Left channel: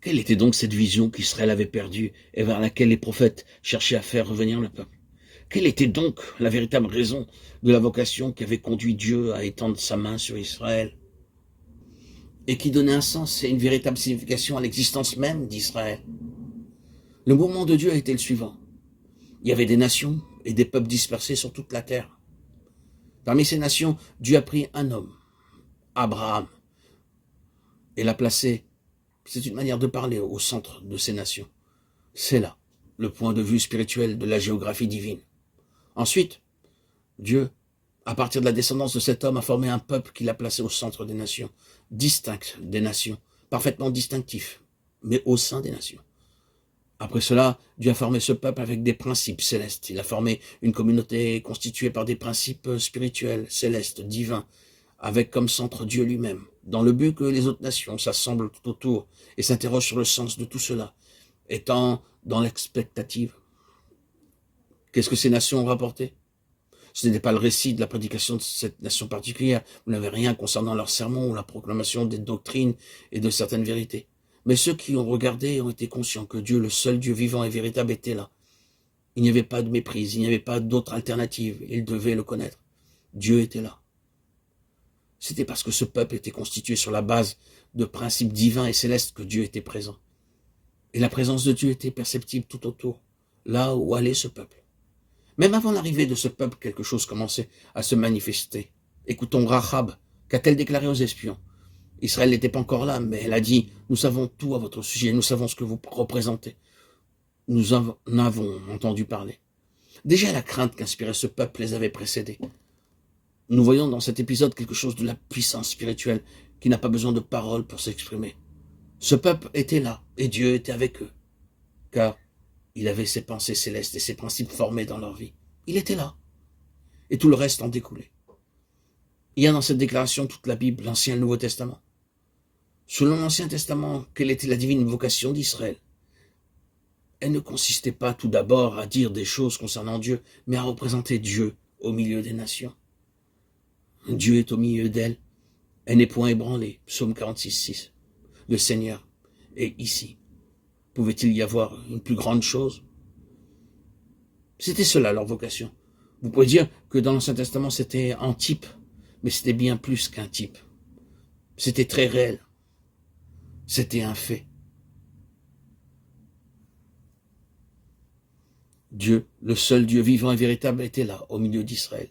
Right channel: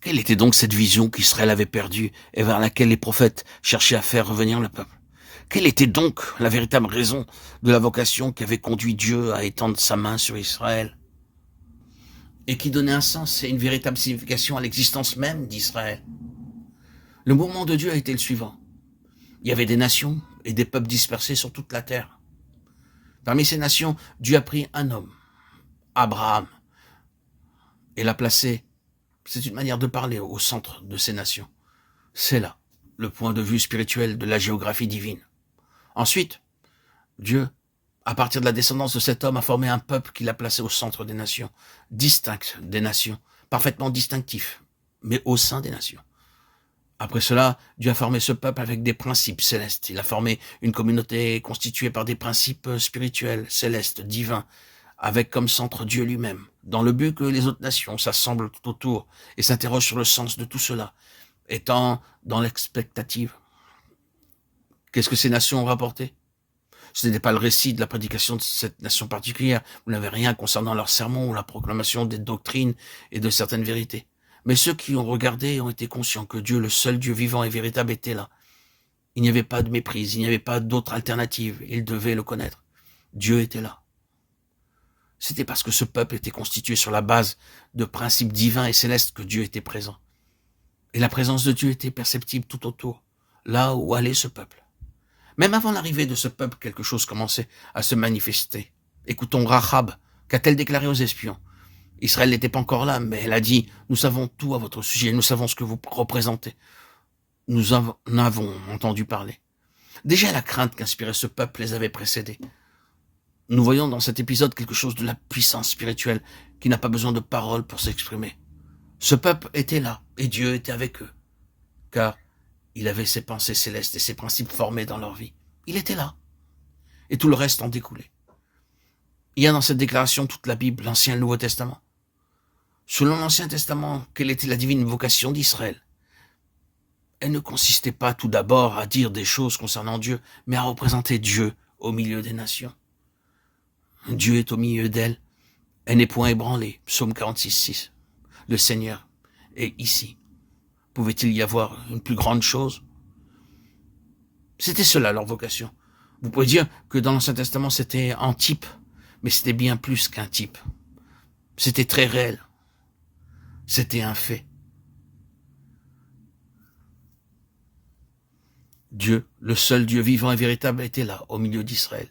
Quelle était donc cette vision qu'Israël avait perdue et vers laquelle les prophètes cherchaient à faire revenir le peuple? Quelle était donc la véritable raison de la vocation qui avait conduit Dieu à étendre sa main sur Israël et qui donnait un sens et une véritable signification à l'existence même d'Israël? Le mouvement de Dieu a été le suivant. Il y avait des nations et des peuples dispersés sur toute la terre. Parmi ces nations, Dieu a pris un homme, Abraham, et l'a placé, c'est une manière de parler, au centre de ces nations. C'est là le point de vue spirituel de la géographie divine. Ensuite, Dieu, à partir de la descendance de cet homme, a formé un peuple qu'il a placé au centre des nations, distinct des nations, parfaitement distinctif, mais au sein des nations. Après cela, Dieu a formé ce peuple avec des principes célestes. Il a formé une communauté constituée par des principes spirituels, célestes, divins, avec comme centre Dieu lui-même, dans le but que les autres nations s'assemblent tout autour et s'interrogent sur le sens de tout cela, étant dans l'expectative. Qu'est-ce que ces nations ont rapporté? Ce n'est pas le récit de la prédication de cette nation particulière. Vous n'avez rien concernant leur sermon ou la proclamation des doctrines et de certaines vérités. Mais ceux qui ont regardé ont été conscients que Dieu, le seul Dieu vivant et véritable, était là. Il n'y avait pas de méprise, il n'y avait pas d'autre alternative. Ils devaient le connaître. Dieu était là. C'était parce que ce peuple était constitué sur la base de principes divins et célestes que Dieu était présent. Et la présence de Dieu était perceptible tout autour, là où allait ce peuple. Même avant l'arrivée de ce peuple, quelque chose commençait à se manifester. Écoutons Rahab. Qu'a-t-elle déclaré aux espions? Israël n'était pas encore là, mais elle a dit « Nous savons tout à votre sujet, nous savons ce que vous représentez. Nous en avons entendu parler. » Déjà la crainte qu'inspirait ce peuple les avait précédés. Nous voyons dans cet épisode quelque chose de la puissance spirituelle qui n'a pas besoin de paroles pour s'exprimer. Ce peuple était là, et Dieu était avec eux, car il avait ses pensées célestes et ses principes formés dans leur vie. Il était là, et tout le reste en découlait. Il y a dans cette déclaration toute la Bible, l'Ancien et le Nouveau Testament. Selon l'Ancien Testament, quelle était la divine vocation d'Israël? Elle ne consistait pas tout d'abord à dire des choses concernant Dieu, mais à représenter Dieu au milieu des nations. Dieu est au milieu d'elle, elle n'est point ébranlée. Psaume 46:6. Le Seigneur est ici. Pouvait-il y avoir une plus grande chose? C'était cela leur vocation. Vous pouvez dire que dans l'Ancien Testament c'était un type, mais c'était bien plus qu'un type. C'était très réel. C'était un fait. Dieu, le seul Dieu vivant et véritable, était là, au milieu d'Israël.